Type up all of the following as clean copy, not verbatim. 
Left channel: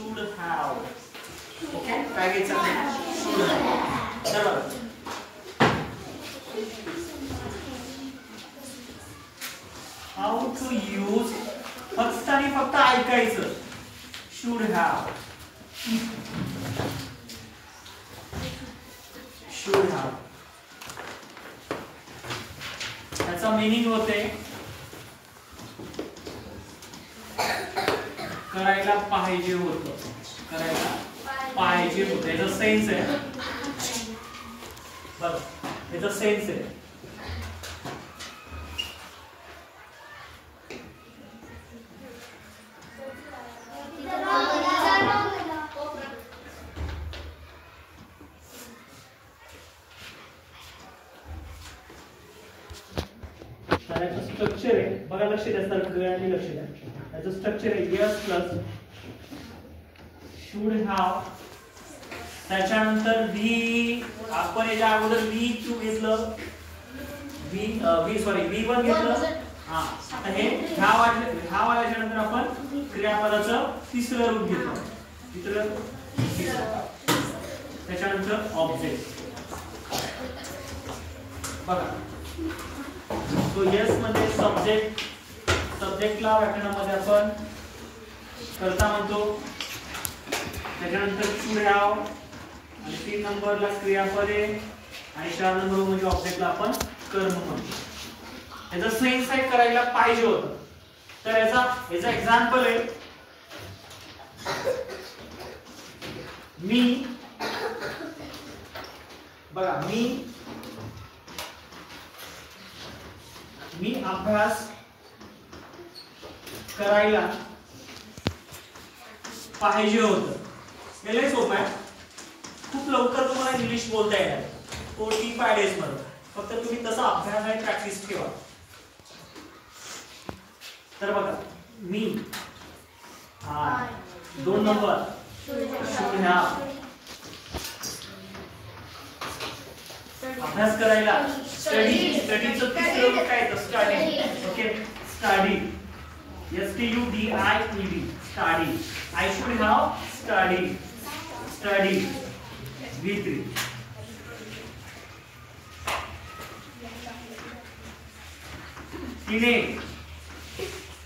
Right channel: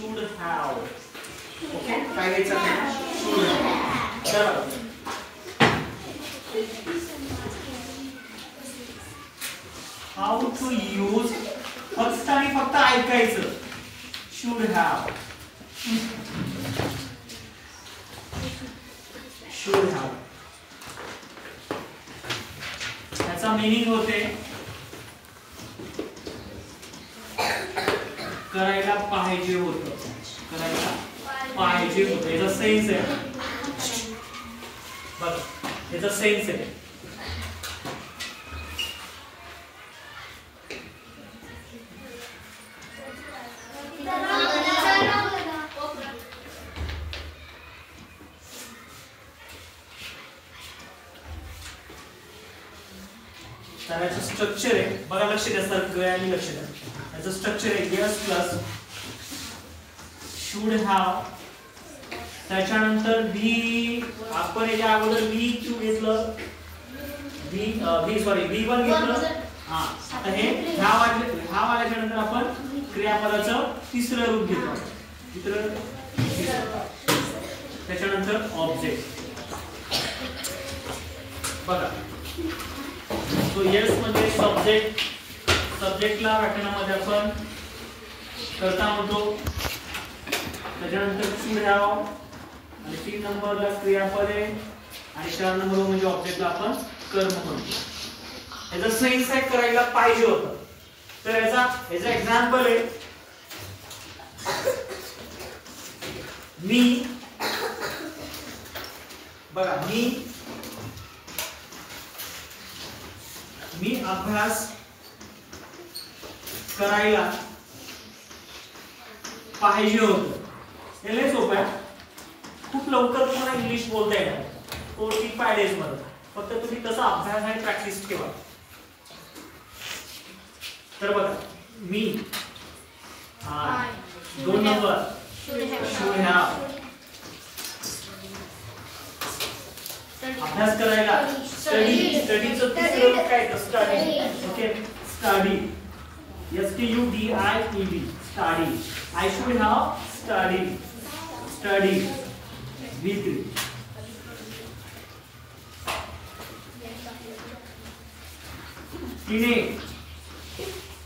should have. Okay, काय घ्यायचं आपल्याला? should have. चला how to use फक्त आणि फक्त ऐकायचं. should have. should have. त्याचा मीनिंग होते करायला पाहिजे होतं. करायला पाहिजे होतं. याचा सेन्स आहे बघ, याचा सेन्स आहे. याचं स्ट्रक्चर आहे बघा, लक्ष द्या सर, गळ्याने लक्ष द्या. याचं स्ट्रक्चर आहे यस प्लस शुड हॅव, त्याच्यानंतर व्ही, आपण याच्या अगोदर V2 घेतलं, V1 घेतलं. हा, आता हे ह्या वाल्याच्या नंतर आपण क्रियापदाचं तिसरं रूप घेतो. त्याच्यानंतर ऑब्जेक्ट बघा. तो यस मध्ये सब्जेक्टला व्याकरणामध्ये आपण कर्ता म्हणतो. त्याच्यानंतर शुड हॅव आणि 3 नंबरला क्रियापदे आणि 4 नंबर म्हणजे ऑब्जेक्टला आपण कर्म म्हणतो. याचा सेन्स आहे करायला पाहिजे होतं. तर याचा एक्झाम्पल आहे मी बघा, मी अभ्यास करायला पाहिजे होतं. हे लय सोपं आहे, खूप लवकर तुम्हाला इंग्लिश बोलता येणार 45 डेज मध्ये. फक्त तुम्ही तसा अभ्यास आणि प्रॅक्टिस ठेवा. तर बघा मी 2 नंबर should have अभ्यास करायला स्टडीचं तिसरं रूप काय आहे? Study. Okay, study STUDIED study. I should have studied V3.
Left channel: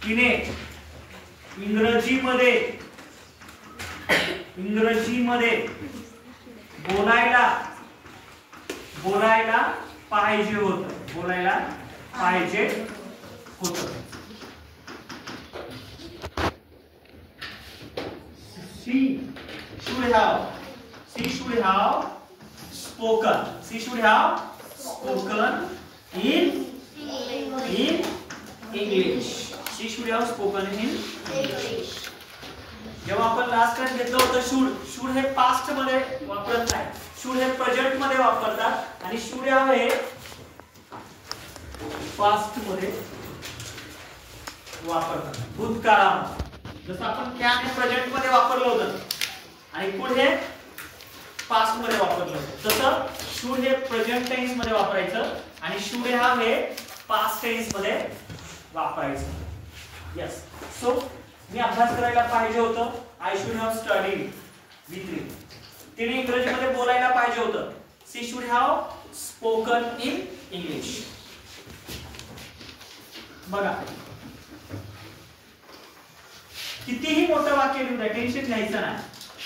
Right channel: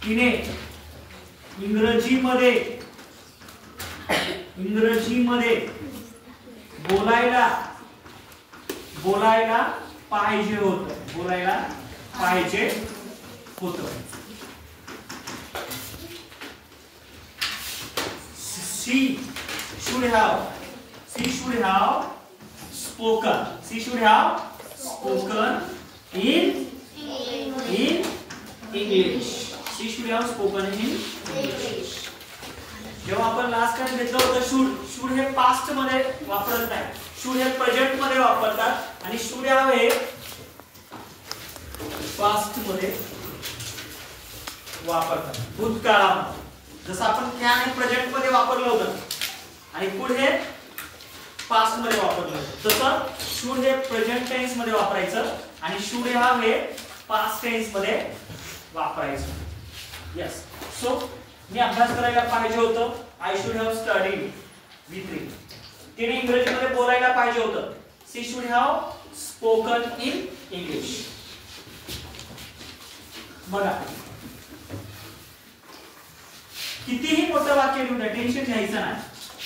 तिने इंग्रजीमध्ये बोलायला पाहिजे होतं. She should have spoken in English. She should have spoken in English. जेव्हा आपण लास्ट टाइम घेतलं होतं शुड हे पास्ट मध्ये वापरत नाही, शुड हे प्रेझेंट मध्ये वापरतात आणि शुड हॅव हे पास्ट मध्ये वापरतात, भूतकाळामध्ये. जसं आपण कॅन हे प्रेझेंट मध्ये वापरलं होतं आणि कुड हे पास्ट मध्ये वापरलं होतं, तसं शुड हे प्रेझेंट टेन्स मध्ये वापरायचं आणि शुड हॅव हे पास्ट टेन्स मध्ये वापरायचं. यस, सो मी अभ्यास करायला पाहिजे होतं. I should have studied V3. तिने इंग्रजीमध्ये बोलायला पाहिजे होतं. She should have spoken in English. बघा कितीही मोठं वाक्य लिहू द्या, टेन्शन घ्यायचं नाही.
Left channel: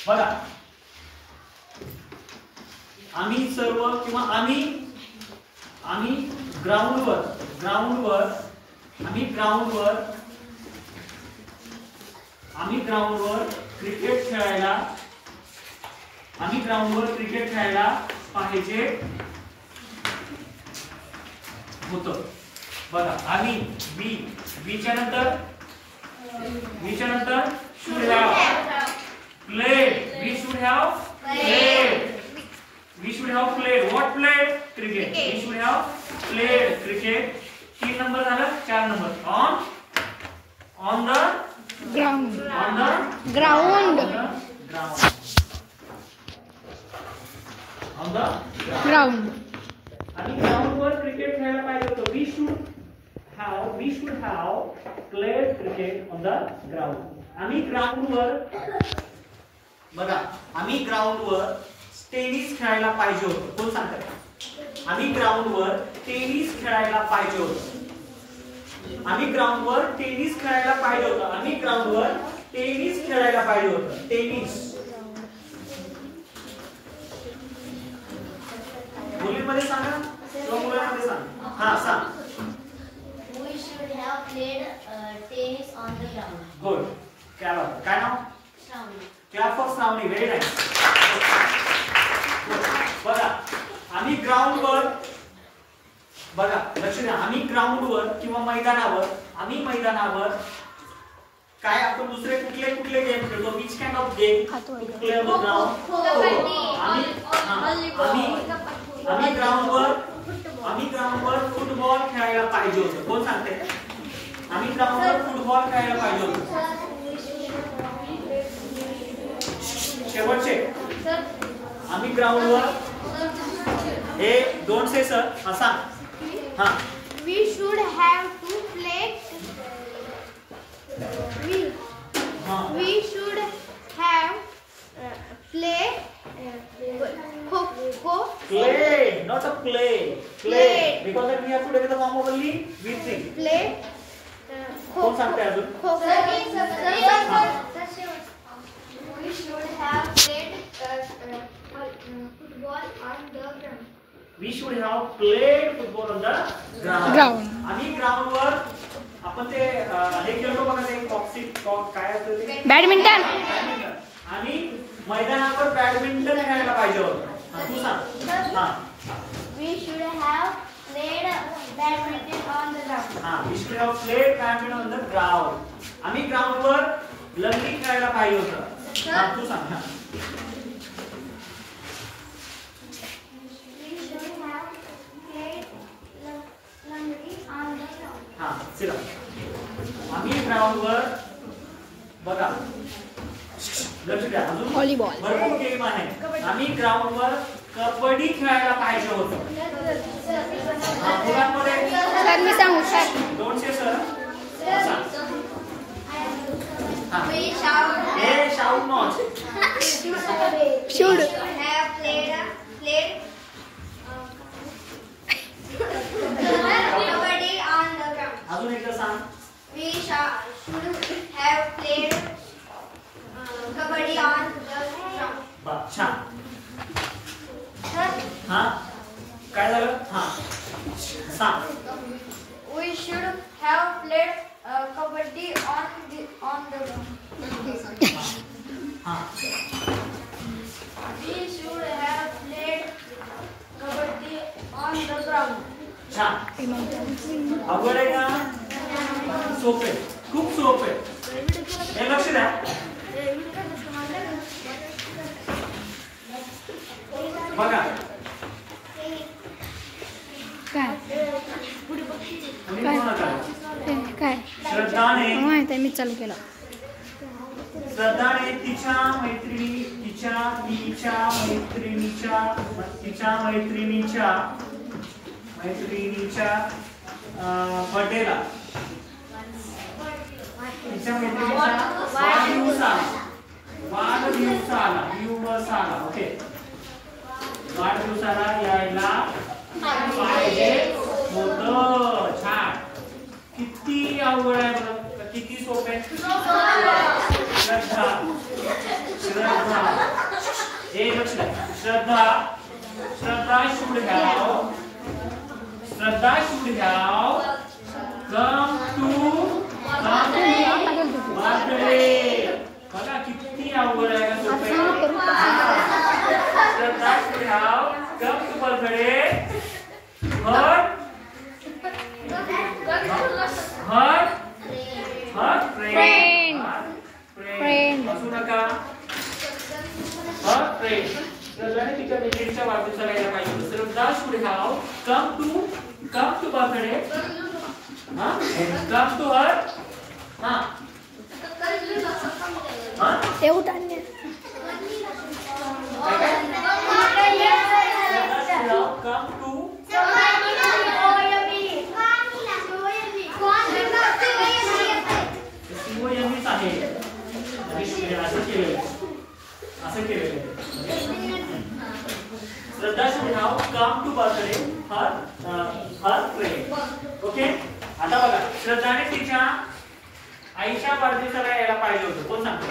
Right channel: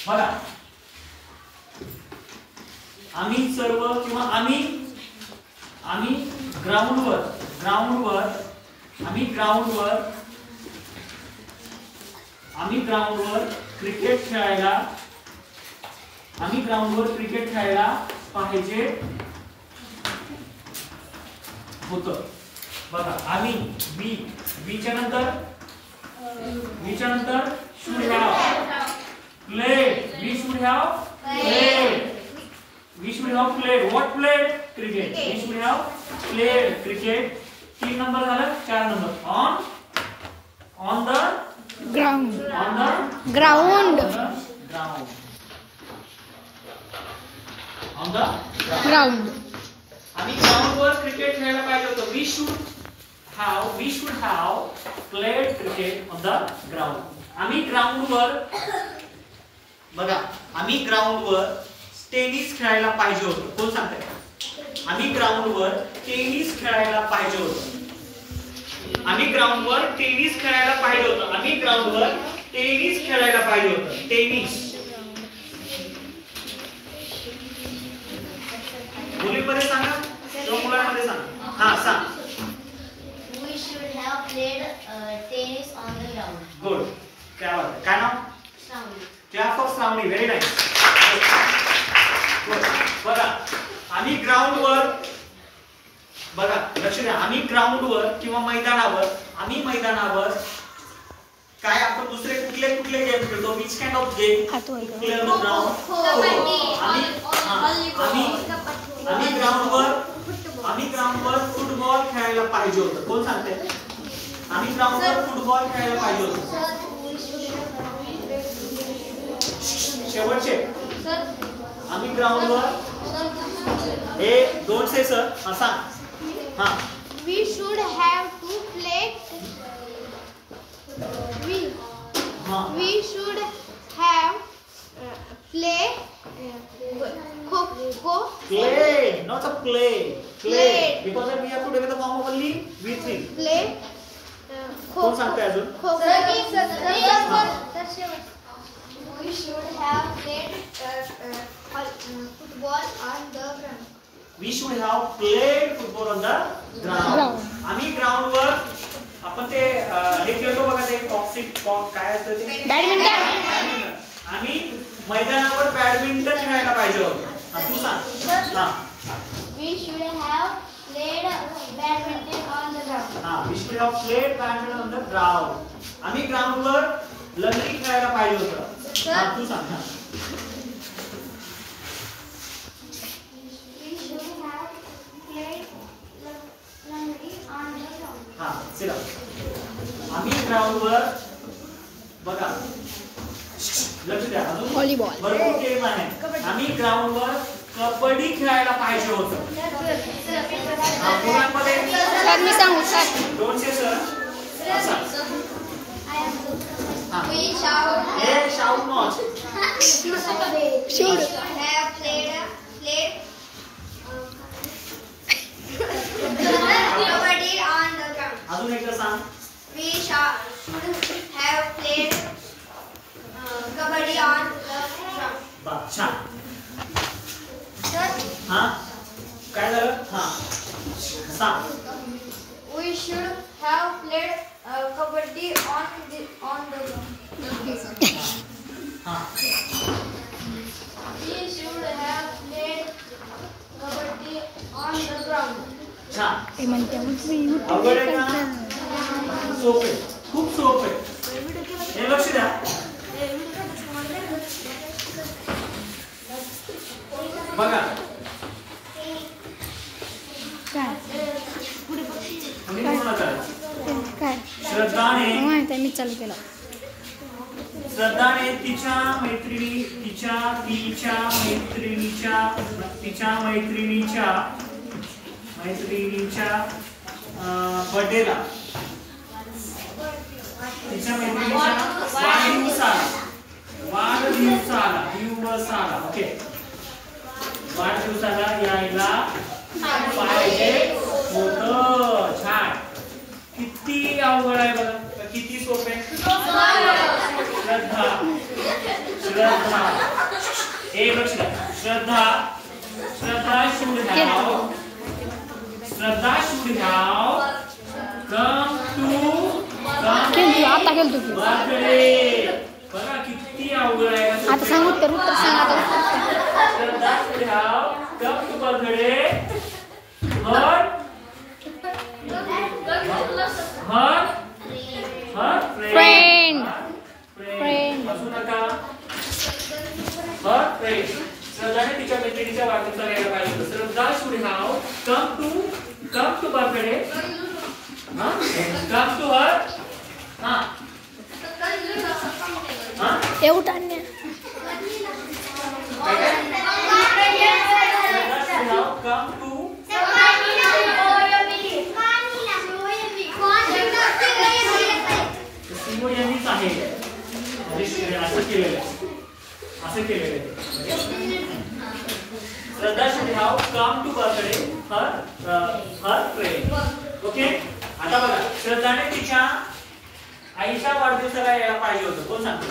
बघा आम्ही सर्व किंवा आम्ही ग्राउंडवर क्रिकेट खेळायला पाहिजे होतं. बघा आम्ही वीच्या नंतर should have played. We should have played. What played? Cricket. We should have played cricket. 3 number झालं, 4 नंबर on the ground. आम्ही ग्राउंडवर क्रिकेट खेळायला पाहिजे होतं. We should have played cricket on the ground. आम्ही ग्राउंडवर बघा आम्ही ग्राउंडवर टेनिस खेळायला पाहिजे होतं. कोण सांगताय? आम्ही ग्राउंडवर टेनिस खेळायला पाहिजे होतं. आम्ही ग्राउंडवर टेनिस खेळायला पाहिजे होतं. आम्ही ग्राउंडवर टेनिस खेळायला पाहिजे होतं. टेनिस मुलींमध्ये सांगा किंवा मुलांमध्ये सांगा. हा सांग. We should have played tennis on the ground. Good. काय बात आहे. काय नाव? Shravani. Clap for Shravani. Very nice. बघा आम्ही ग्राउंडवर बघा लक्ष द्या. आम्ही ग्राउंडवर किंवा मैदानावर काय आपण दुसरे कुठले कुठले गेम खेळतो? Which kind of game? Play on the ground. आम्ही ग्राउंडवर फुटबॉल खेळायला पाहिजे होतं. कोण सांगते? आम्ही ग्राउंडवर फुटबॉल खेळायला पाहिजे होतं. शेवटचे आम्ही ग्राउंडवर हे दोन से सर सांग. हा. We should have to play. We should have play Kho. Play, not a play. Play. Because we have to take the form of only V3. Play. कोण सांगते अजून? We should have played football on the ground. We should have played football on the ground. आम्ही ग्राउंडवर आपण ते हे खेळतो बघा ते कॉक्सिट काय असतं ते? बॅडमिंटन. आणि मैदानावर बॅडमिंटन खेळायला पाहिजे होतं. तू सांग. हां. We should have played badminton on the ground. हां. We should have played badminton on the ground. आम्ही ग्राउंडवर लंगडी खेळायला पाहिजे होतं. हां तू सांग. हां. We should have played lungri on the ground. हां चला. आम्ही ग्राउंडवर बघा लक्ष द्या. अजून व्हॉलीबॉल. भरपूर गेम आहे. आम्ही ग्राउंडवर कबड्डी खेळायला पाहिजे होतं. मुलांमध्ये सर मी सांगू सर. 200 सर. We should हे shout not. should Have played kabaddi on the ground. अजून एकदा सांग. We should have played kabaddi on the ground. बा छान. हां काय झालं? हां सांग. We should have played kabaddi on the ground. हां We should have played kabaddi on the ground. छान. अवघड आहे का? सोपे. खूप सोपे. हे लक्ष द्या. बघा काय आम्ही तुम्हाला करायचं. काय श्रद्धाने माहिती आहे मी चालू केलं. श्रद्धाने तिच्या मैत्रिणीच्या बर्थडेला तिच्या मैत्रिणीच्या वाढदिवसाला ओके वाढदिवसाला यायला पाहिजे होतं. छान. किती अवघड आहे बघा. किती सोपे. श्रद्धा एक लक्ष द्या. श्रद्धा should have come to आता गेलो तू. birthday. बघा किती अवघड आहे. आता सांग उत्तर श्रद्धा should have come to birthday. her friend. असू नका. her friend. श्रद्धाने तिच्या मैत्रिणीच्या वाढदिवसाला यायला पाहिजे. श्रद्धा should have come to birthday. come to her. एवढं आणण्या come to COM's आहे. असं केलेलं आहे. असं केलेलं आहे. श्रद्धा should have come to birthday her friend. Okay, आता बघा श्रद्धाने तिच्या आईच्या वाढदिवसाला यायला पाहिजे होतं. कोण सांगतो?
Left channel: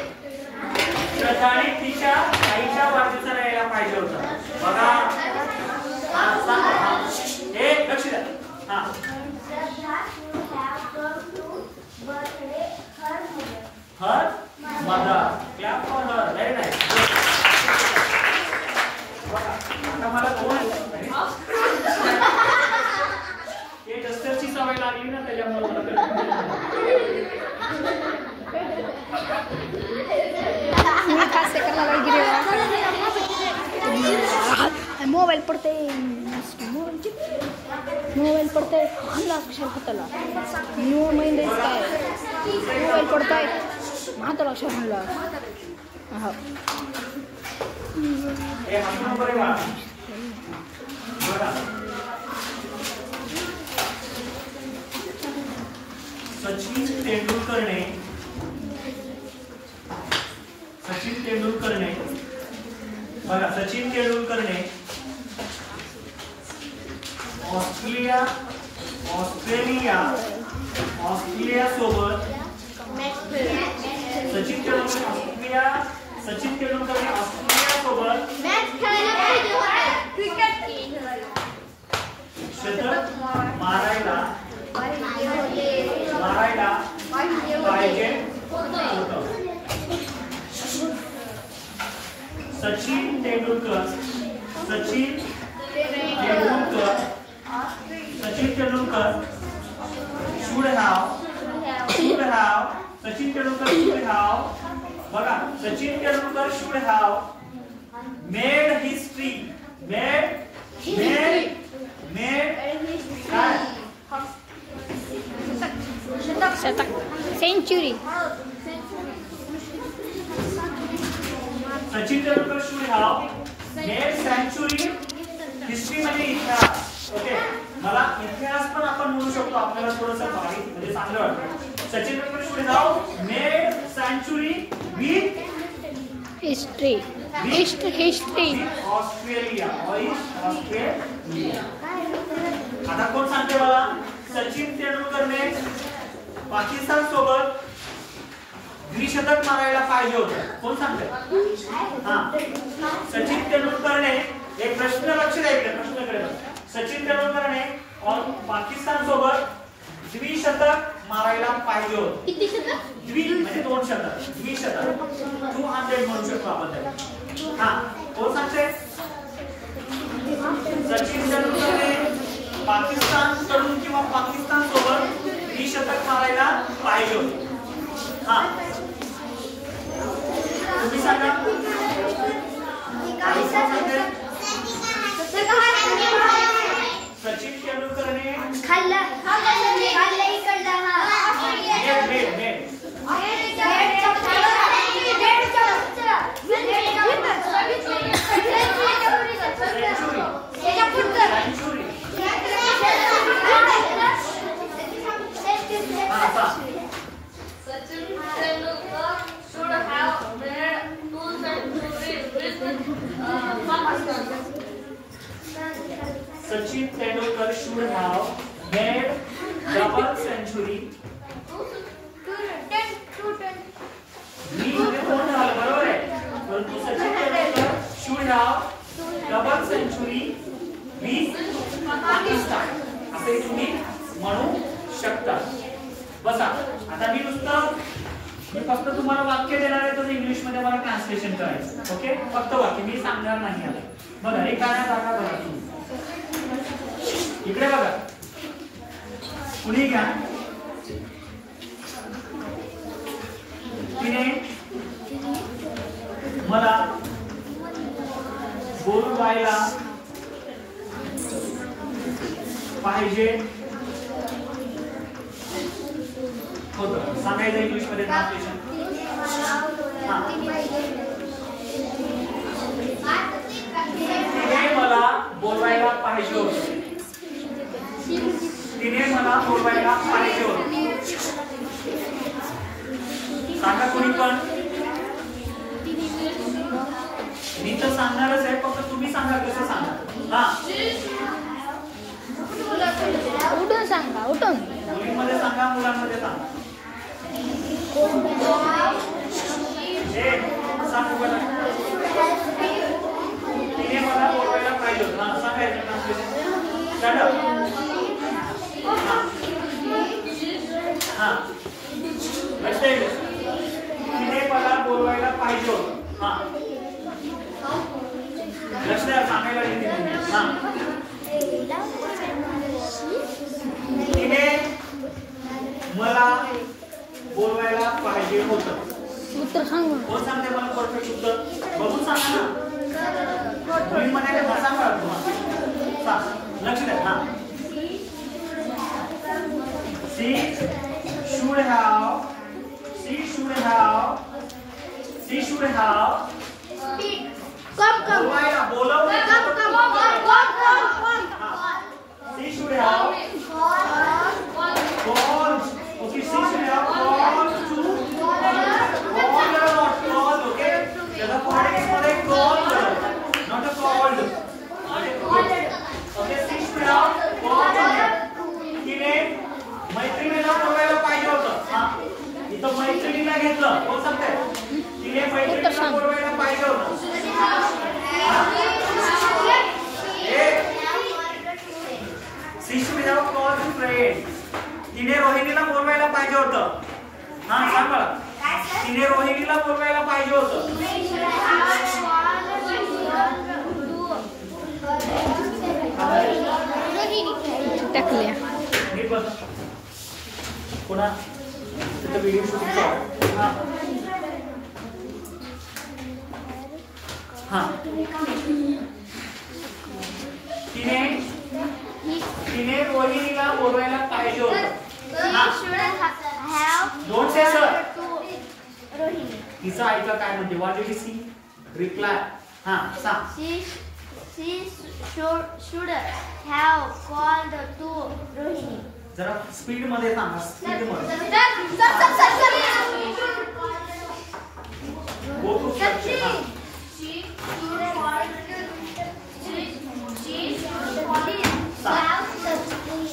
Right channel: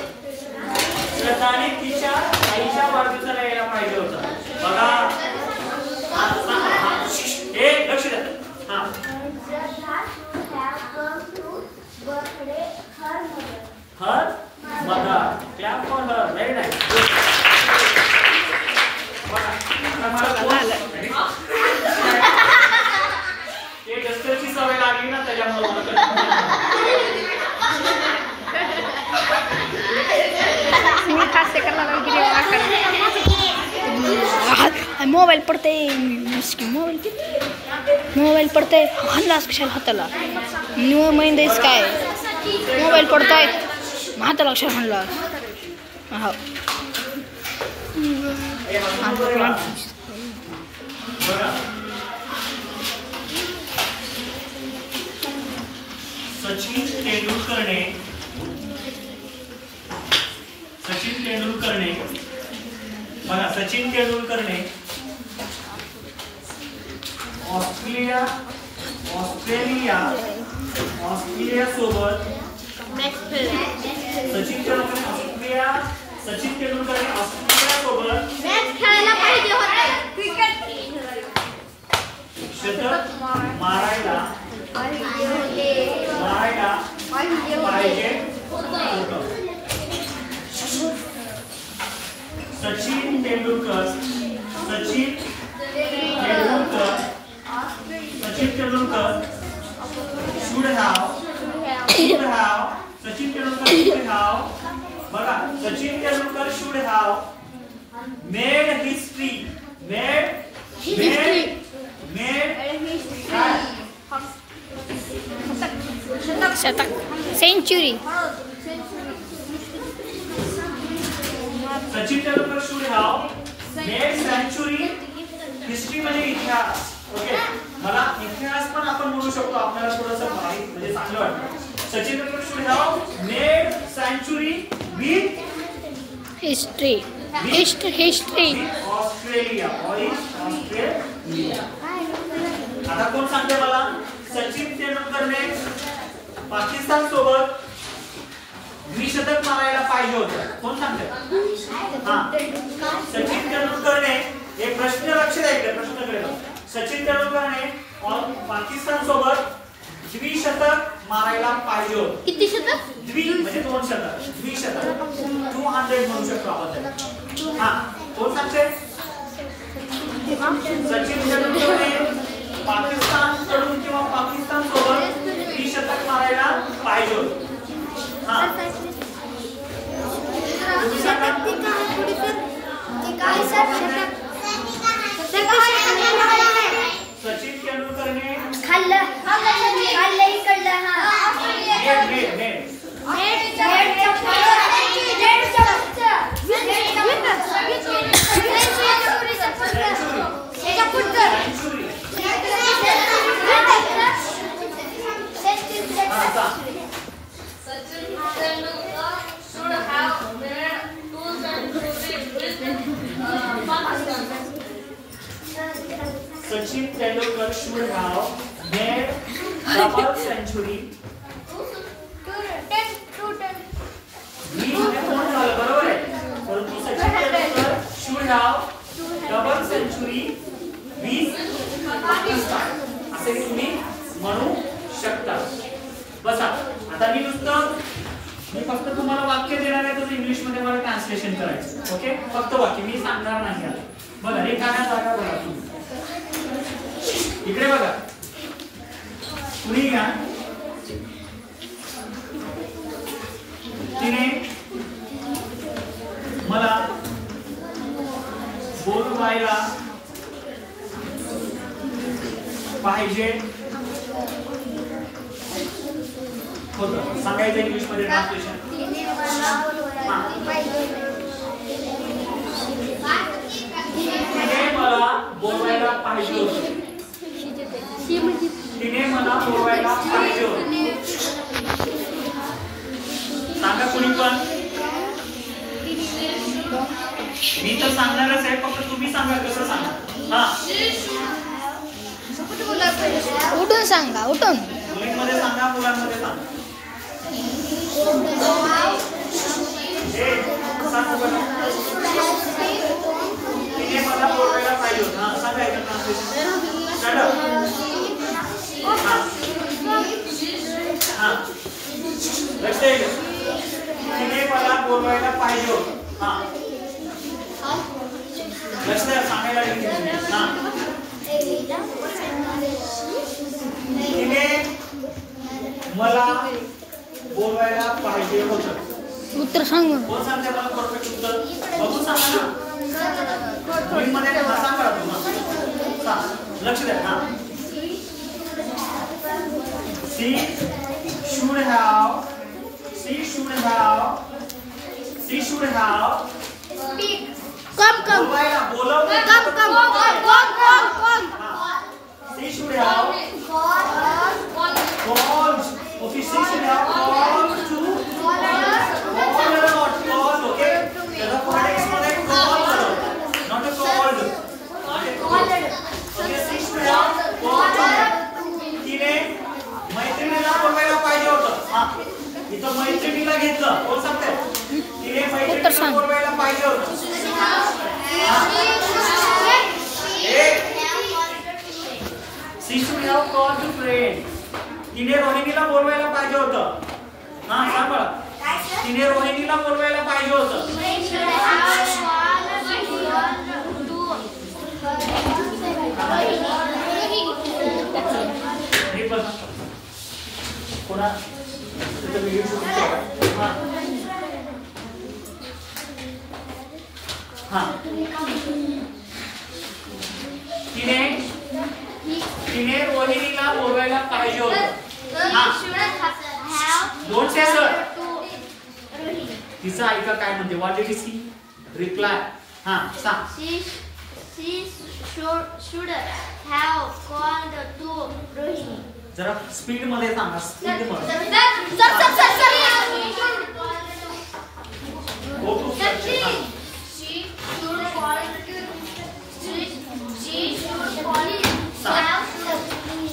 श्रद्धाने तिच्या आईच्या वाढदिवसाला यायला पाहिजे होतं. बघा हे लक्ष द्या. हा, her mother. Clap for her. Very nice. ते डस्टरची सवय लागली ना त्याच्यामुळे मोबाईल पडते. मोबाईल पडते. हल्लास कशाला हाताला महिंदाच काय मोबाईल पडताय हाताला कशाला हल्लास. हो सचिन तेंडुलकरने बघा सचिन तेंडुलकरने ऑस्ट्रेलिया सोबत सचिन तेंडुलकरने ऑस्ट्रेलिया सोबत शतक मारायला पाहिजे होतं. Sachin Tendulkar should have made history. शतक century. Sachin Tendulkar should have made century. History म्हणजे इतिहास. ओके, मला इतिहास पण आपण म्हणू शकतो. आपल्याला थोडंसं भारी म्हणजे चांगलं वाटतं. Sachin Tendulkar should have made century with history. Australia. आता कोण सांगते मला? सचिन तेंडुलकरने पाकिस्तान सोबत द्विशतक मारायला पाहिजे होतं. कोण सांगते? हा, सचिन तेंडुलकरने एक प्रश्न लक्ष द्यायचं. प्रश्नाकडे सचिन तेंडुलकरने पाकिस्तान सोबत द्विशतक मारायला पाहिजे होतं. किती शतक? म्हणजे 2 शतक. द्विशतक 200 म्हणू शकतो आपण. हा, कोण सांगते? सचिन तेंडुलकरने पाकिस्तान कडून किंवा पाकिस्तान सोबत द्विशतक मारायला पाहिजे होतं. हा, तुम्ही सांगा. Sachin तेंडुलकरने Sachin Tendulkar should have made double century. बरोबर आहे. परंतु Sachin Tendulkar should have double century with Pakistan असे तुम्ही म्हणू शकता. बसा, आता मी फक्त तुम्हाला वाक्य देणार आहे. तर इंग्लिश मध्ये मला ट्रान्सलेशन करायचं. ओके, फक्त वाक्य मी सांगणार नाही. बघा रिकाम्या जागा बघा. तुम्ही इकडे बघा. कुणी घ्या. तिने मला बोलवायला पाहिजे होतं. सांगायचं इंग्लिश मध्ये ट्रान्सलेशन. तिने मला बोलवायला पाहिजे होतं. तिने मला बोलवायला पाहिजे होतं. सांगा कुणी पण. मी तर सांगणारच आहे, फक्त तुम्ही सांगा कसं सांगा. हा उठून सांगा, उठून. मुलींमध्ये सांगा, मुलांमध्ये सांगा. सांग बरं. तिने मला बोलवायला पाहिजे होतं. हा सांगायचं ट्रान्सलेशन. हा लक्ष द्या. तिने मला बोलवायला पाहिजे होतं. हा लक्ष द्या, सांगायला गेली. हा तिने मला बोलवायला पाहिजे होतं. उत्तर सांग मग. कोण सांगते मला परफेक्ट उत्तर? बघू सांगा ना. मुलींमध्ये हा सांगा तुम्हाला. लक्ष द्या. हा she should have बोलवायला बोलवलं. she should have called. Okay, she should have called to called or not called. Okay, त्याला phonetics मध्ये call not a called. Okay, she should have called to. तिने मैत्रिणीला बोलवायला पाहिजे होतं. हा इथं मैत्रिणीला घेतलं. कोण सांगताय? तिने मैत्रिणीला बोलवायला पाहिजे होतं. she should have called to friend. तिने रोहिणीला बोलवायला पाहिजे होतं. हा सांग बरं. तिने रोहिणीला बोलवायला पाहिजे होतं. हे बघा पुन्हा तिथं व्हिडिओ शूटिंग करा. हा तिने रोहिणीला बोलवायला पाहिजे होतं. Don't say sir. तिचं ऐका काय म्हणते. What did she reply. हा सांग. She should have called to Rohini. जरा स्पीड मध्ये सांगा. स्पीड मध्ये. Go to structure. हा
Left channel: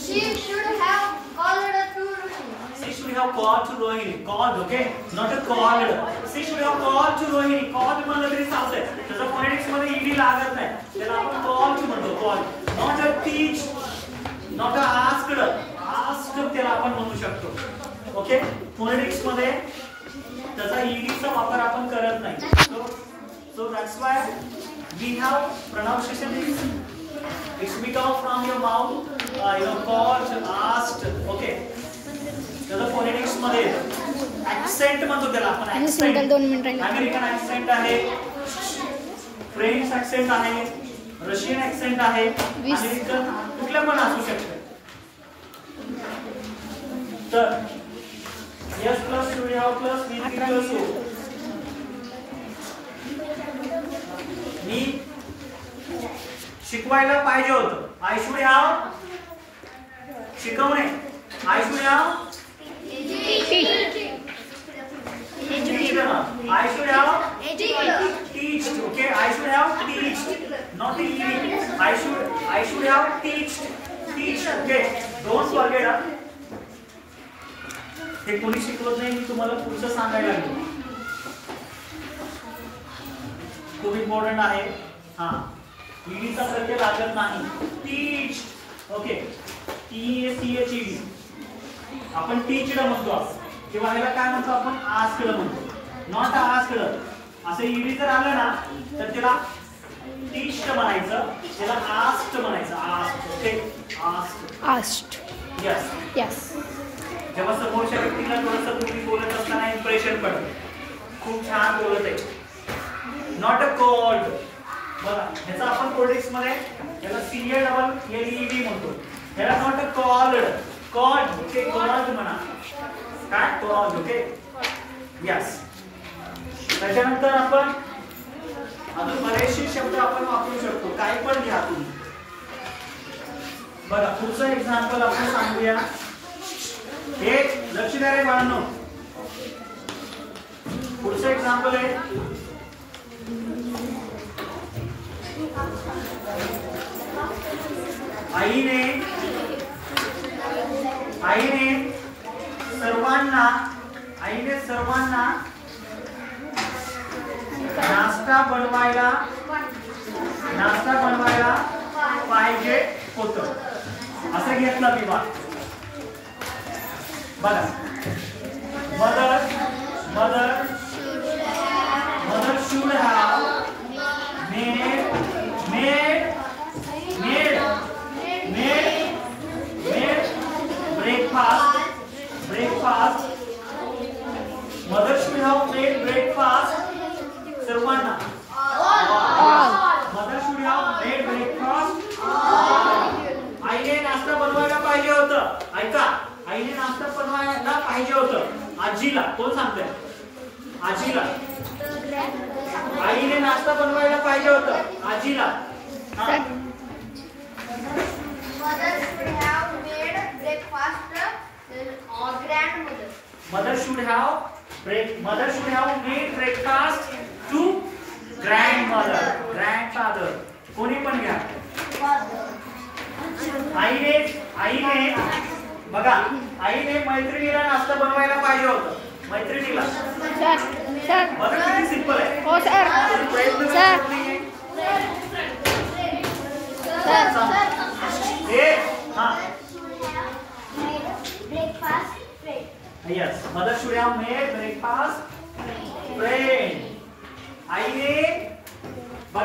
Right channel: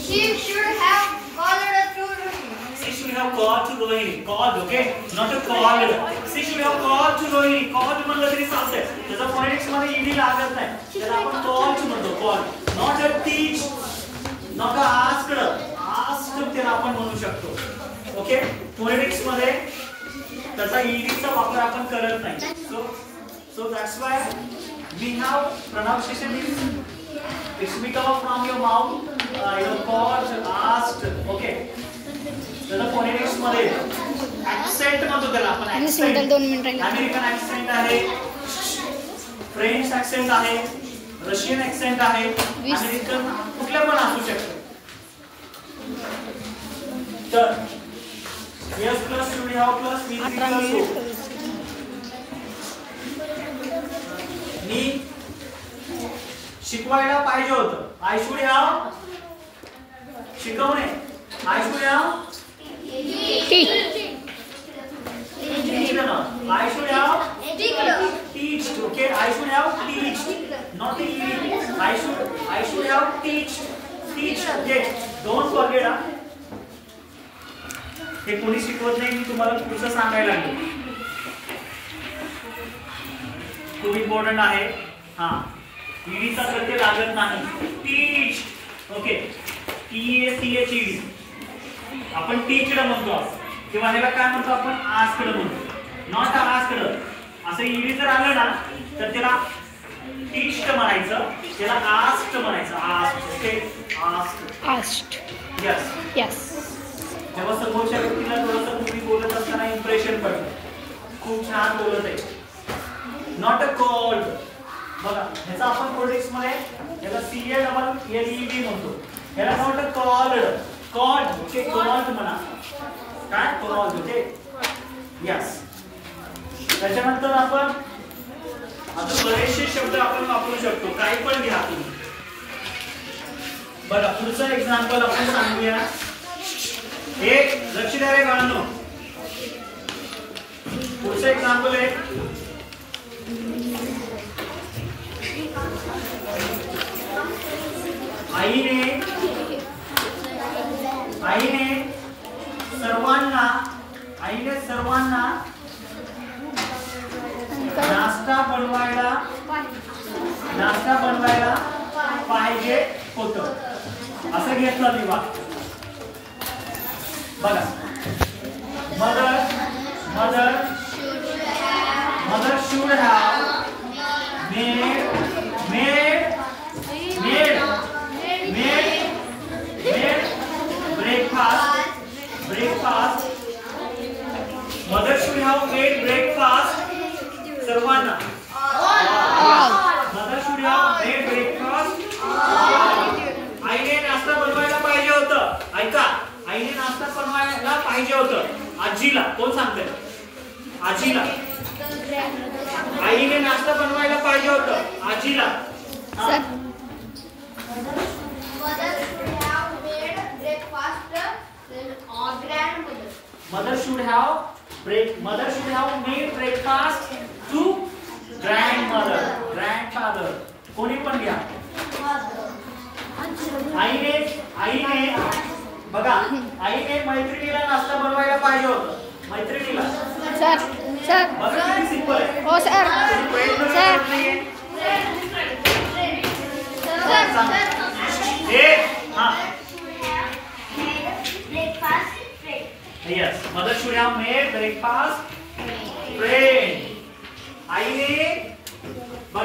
She should have called to Rohini. she should have called to Rohini. Called, okay, not a called. she should have called to Rohini. Called म्हणलं तरी चालतंय. त्याचा phonetics मध्ये ईडी लागत नाही. त्याला आपण called म्हणतो. called, not a teach, not a asked. asked त्याला आपण म्हणू शकतो. ओके, फोनेटिक्स मध्ये त्याचा ईडीचा वापर आपण करत नाही. so that's why we have pronunciation is it's become from your mouth. Called, asked. Okay, त्याचा फोनेटिक्स मध्ये ऍक्सेंट म्हणतो त्याला आपण. ऍक्सेंट 2 मिनिट राहिले. अमेरिकन ऍक्सेंट आहे, फ्रेंच ऍक्सेंट आहे, रशियन ऍक्सेंट आहे, अमेरिकन कुठल्या पण असू शकतं. तर yes plus should have plus we plus so. मी शिकवायला पाहिजे होतं. आय शुड हॅव शिकवणे. I should have I should have teached. Okay, I should have teached, not eating. I should have teached. Okay, don't forget. हे कोणी शिकवत नाही. मी तुम्हाला पुढचं सांगायला लागलो. खूप इम्पॉर्टंट आहे. हा ईडीचा प्रत्यय लागत नाही. टीच्ड. Okay, TACHED. आपण टीच्ड म्हणतो किंवा ह्याला काय म्हणतो आपण आस्क्ड म्हणतो. नॉट आस्क्ड असं ईडी जर आलं ना तर त्याला टीच्ड म्हणायचं, त्याला आस्क्ड म्हणायचं. Asked. Okay, asked. Yes yes. जेव्हा समोरच्या व्यक्तीला थोडंसं तुम्ही बोलत असताना इम्प्रेशन पडतं. खूप छान बोलत आहे. Not a called. बघा ह्याचा आपण फोनेटिक्स मध्ये याला CALLED म्हणतो. ह्याला not a called. Called. Okay, called म्हणा. काय कॉल्ड. Okay, yes. त्याच्यानंतर आपण अजून बरेचसे शब्द आपण वापरू शकतो. काही पण घ्या तुम्ही. बघा पुढचं एक्झाम्पल आपण सांगूया. एक लक्ष द्या रे बाळांनो. पुढचं एक्झाम्पल आहे आईने सर्वांना नाश्ता बनवायला पाहिजे होतं असं घेतलं मी बघा. Mother should have made breakfast. Mother should have made breakfast. सर्वांना. Mother should have made breakfast. आईने नाश्ता बनवायला पाहिजे होतं. ऐका, आईने नाश्ता बनवायला पाहिजे होतं. आजीला कोण सांगते? आजीला. आईने नाश्ता बनवायला पाहिजे होतं आजीला. Mother should have made breakfast to grandfather. कोणी पण घ्या. आईने बघा, आईने मैत्रिणीला नाश्ता बनवायला पाहिजे होतं. मैत्रिणीला. सर बघा किती सिंपल आहे. हो sir. Yes, mother should have made breakfast friend.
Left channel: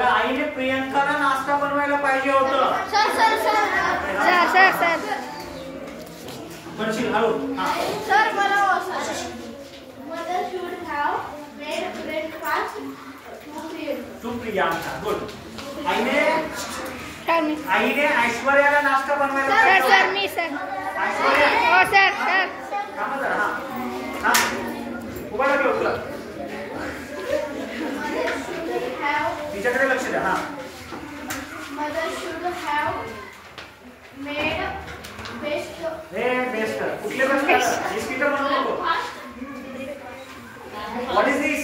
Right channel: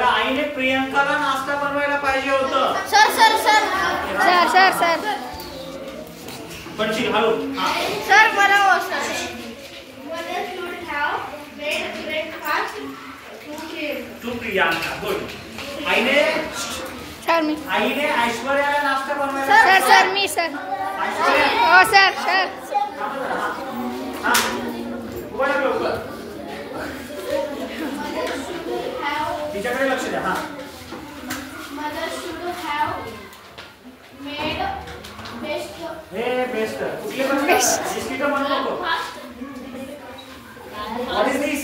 आईने प्रियंकाला नाश्ता बनवायला पाहिजे होतं. सर पडशील हळू. सर बरोबर sir. Mother should have made breakfast to Priyanka. Good. आईने ऐश्वर्याला नाश्ता बनवायला. सर मी सर. ऐश्वर्या. हो सर. थांबा जरा. हा उभा राहा लवकर. तिच्याकडे लक्ष द्या. हा. Mother should have made best. Best. कुठले पण बिस्किट म्हणू नको. What is this?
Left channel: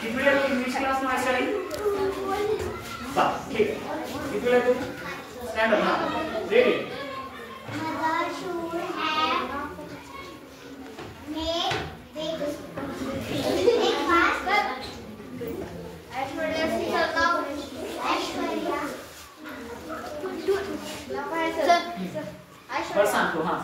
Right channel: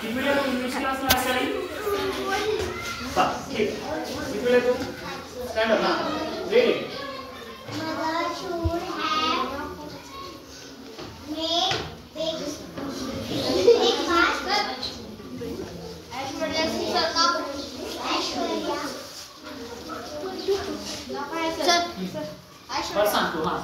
किती वेळा तू इंग्लिश क्लासला असेल? बा ठीक. किती वेळा तू stand up. Ready. Mother should have made breakfast. बस सांगतो. हा.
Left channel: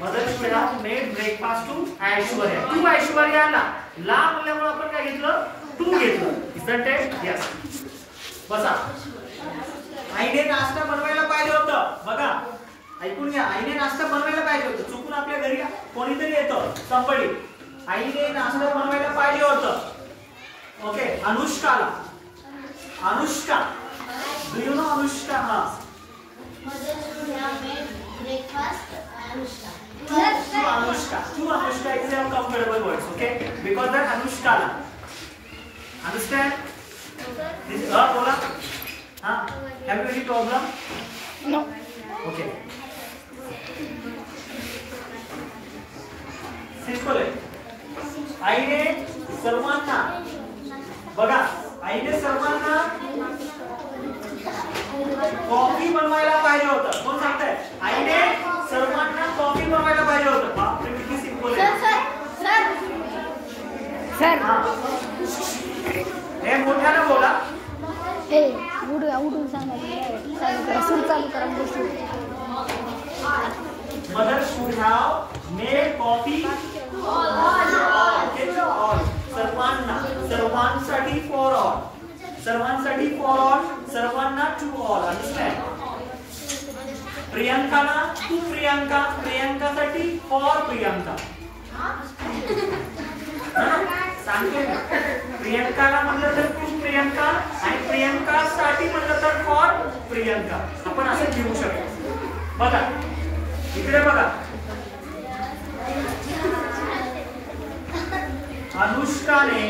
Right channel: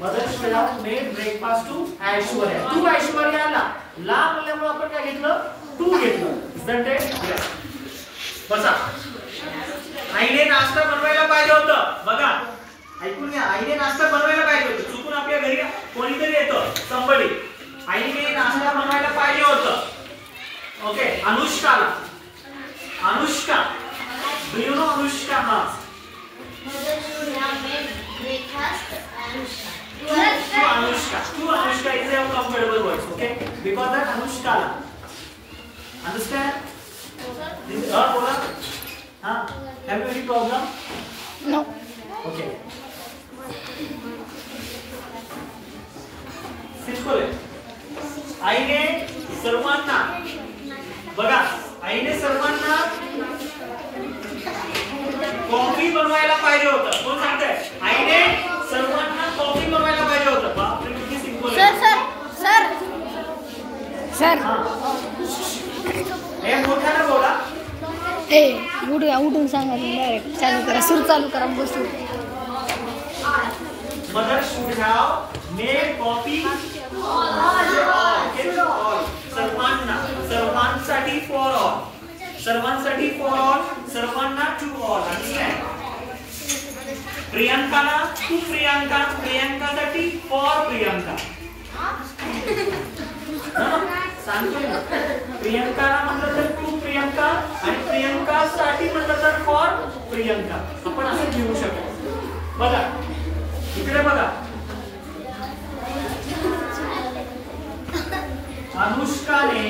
Mother should have made breakfast to Aishwarya. तू ऐश्वर्याला ला म्हणल्यामुळे आपण काय घेतलं? तू घेतलं. Isn't it? Yes. बसा. आईने नाश्ता बनवायला पाहिजे होतं. बघा ऐकून घ्या. आईने नाश्ता बनवायला पाहिजे होतं. चुकून आपल्या घरी कोणीतरी येतं. somebody. आईने नाश्ता बनवायला पाहिजे होतं. Okay. Anushka. Do you know Anushka? Mother should have made breakfast. Anushka. To Anushka is a comfortable words, okay? Because that Anushka. Understand? This is her problem. Huh? Have you any problem? No. Okay. Simple है. आईने सर्वांना बघा. आईने सर्वांना coffee बनवायला पाहिजे होतं. कोण सांगताय? आईने सर्वांना कॉफी बनवायला पाहिजे होतं. बापरे किती सिंपल आहे. सर हे मोठ्याने बोला. उठून सांगा. डायरेक्ट चालू करा. सूर चालू करा. बसू. Mother should have made coffee all. सर्वांसाठी for all. सर्वांसाठी for all. सर्वांना to all. Understand? प्रियंकाला to Priyanka. प्रियंकासाठी for Priyanka. सांगतोय ना. प्रियंकाला म्हणलं तर to प्रियंका आणि प्रियंकासाठी म्हणलं तर for प्रियंका. आपण असं घेऊ शकतो. बघा इकडे बघा. अनुष्काने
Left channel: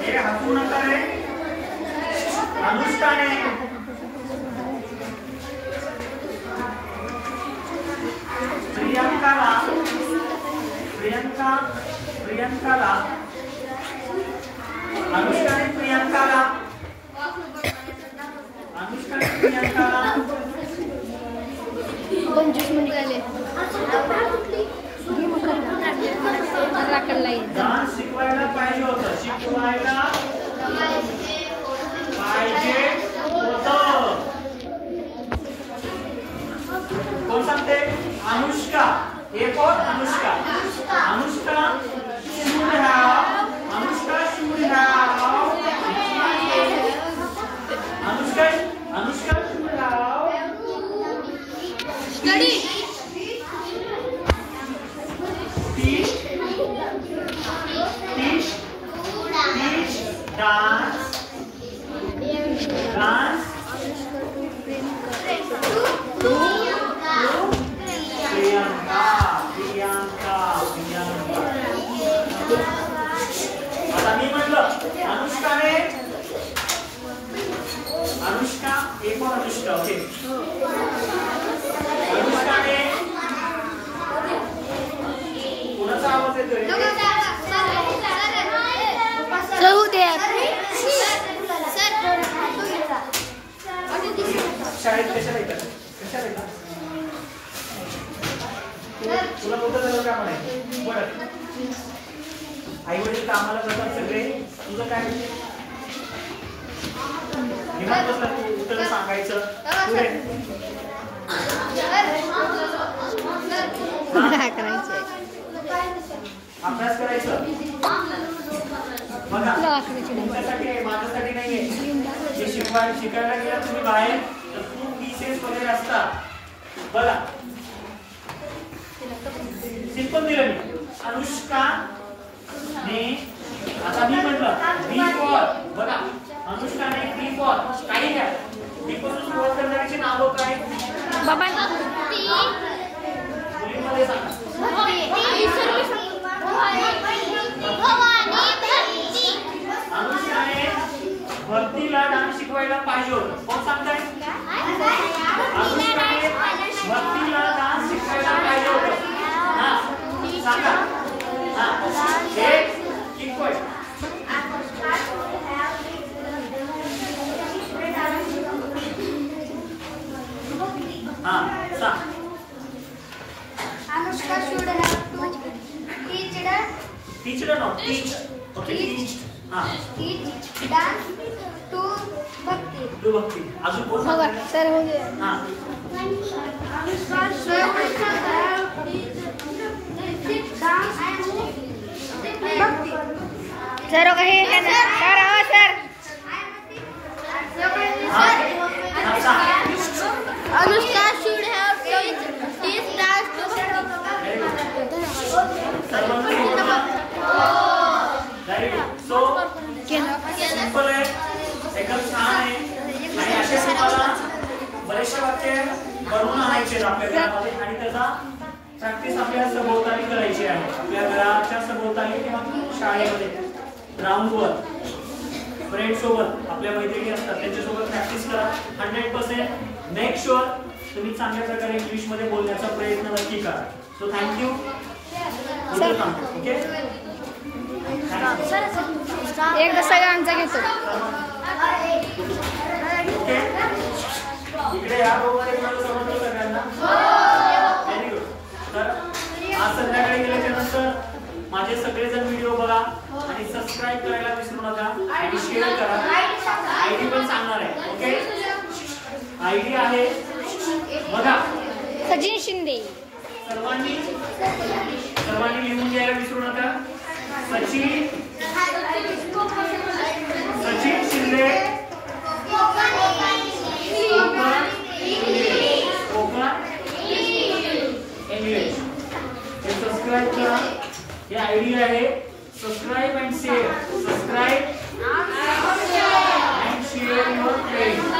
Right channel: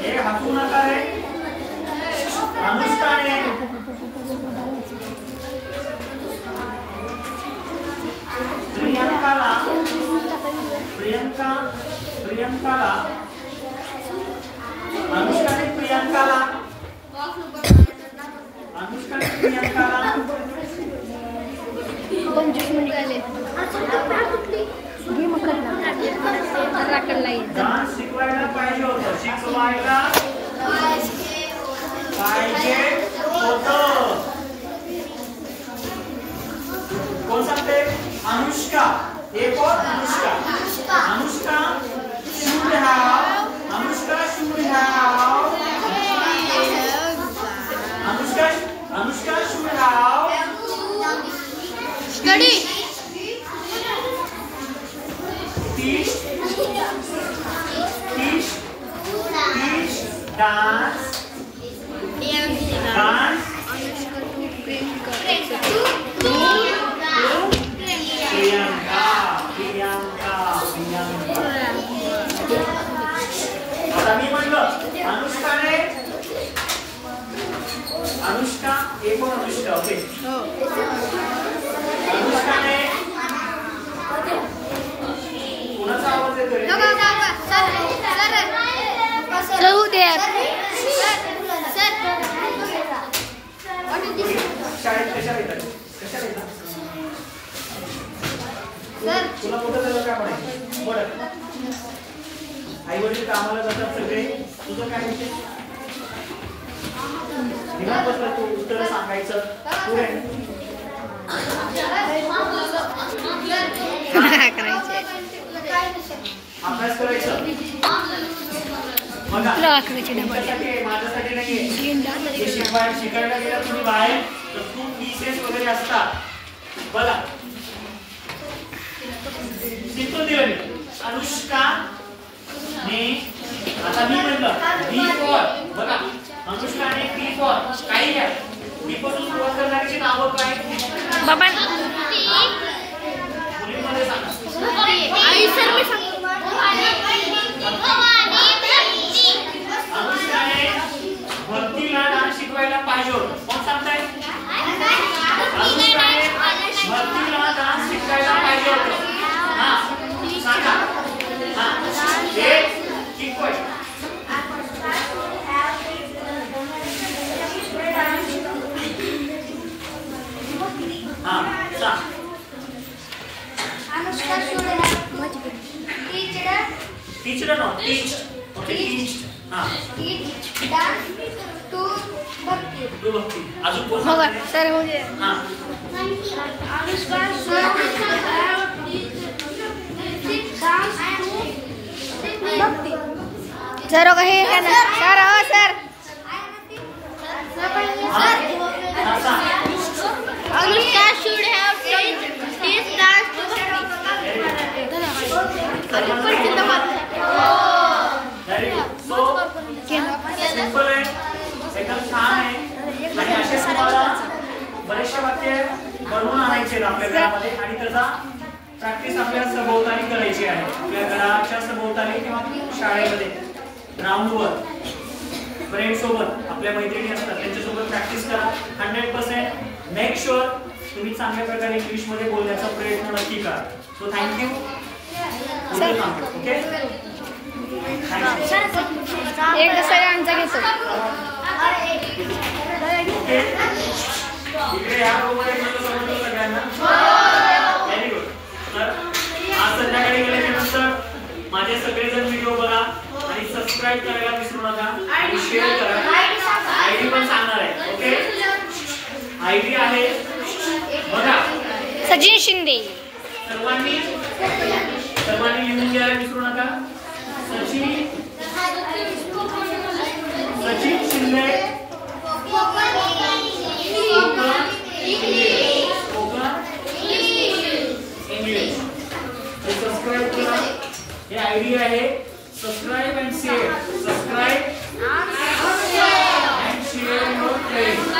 हे हसू नका रे. अनुष्काने प्रियंकाला प्रियांका 25 मिनिट झाले राकडला येत डान्स शिकवायला पाहिजे होतं कोण सांगते अनुष्का हे कोण Anushka Anushka should have Anushka should have Study. teach dance Priyanka आता मी म्हणलं अनुष्का एक पण अनुष्का ओके अनुष्काने कुणाचा आवाज येतोय राहू दे शाळेत कशाला येतात तुला कुठं झालं का म्हणायचं बरं आई वडील कामाला जातात सगळे तुझं काय विषय निवांत बसला तू उत्तर सांगायचं पुढे अभ्यास करायचं बघा माझ्यासाठी नाहीये शिकायला गेला तुम्ही बाहेर तर खूप पीसेस वगैरे असतात बघा सिंपल दिलं मी अनुष्का ने आता मी म्हटलं बी फॉर बघा अनुष्काने बी फॉर काही घ्या बी पासून सुरुवात करणाऱ्याची नावं काय बाबा मुलींमध्ये सांगा अनुष्काने भक्तीला डान्स शिकवायला पाहिजे होतं कोण सांगताय अनुष्काने भक्तीला डान्स शिकवायला पाहिजे होतं हा सांगा हा एक शिकवाय हा सांग Anushka should have teach no teach okay teach हा teach dance to Bhakti. तू भक्ती अजून कोण हो सांगताय सर हो गया हा Anushka should have dance to Bhakti. Sir हो गए है ना सर हो सर हा हा सांग Anushka should have teach dance to Bhakti. Very good so simple आहे एकदम छान आहे आणि असेच तुम्हाला बरेचसे वाक्य बनवून आणायचे आपल्या घरामध्ये आणि त्याचा प्रॅक्टिस आपल्या सभोवताली करायची आहे आपल्या घराच्या सभोवताली किंवा शाळेमध्ये ग्राउंडवर फ्रेंड सोबत आपल्या मैत्रिणी असतात त्यांच्यासोबत प्रॅक्टिस करा 100% मेक शुअर तुम्ही चांगल्या प्रकारे इंग्लिशमध्ये बोलण्याचा प्रयत्न नक्की करा सो थँक्यू ओके एकदा सगळ्यांचा घेतो ओके इकडे या रोमध्ये समजलं सगळ्यांना व्हेरी गुड तर आज संध्याकाळी गेल्याच्या नंतर माझे सगळेजण व्हिडिओ बघा आणि सबस्क्राईब करायला विसरू नका आणि शेअर करा आयडी पण सांगणार आहे ओके आयडी आहे बघा सचिन शिंदे सर्वांनी लिहून घ्यायला विसरू नका सचिन शिंदे कोकण इंग्लिश सबस्क्राईब करा हे आयडी आहे subscribe and share subscribe and share your friend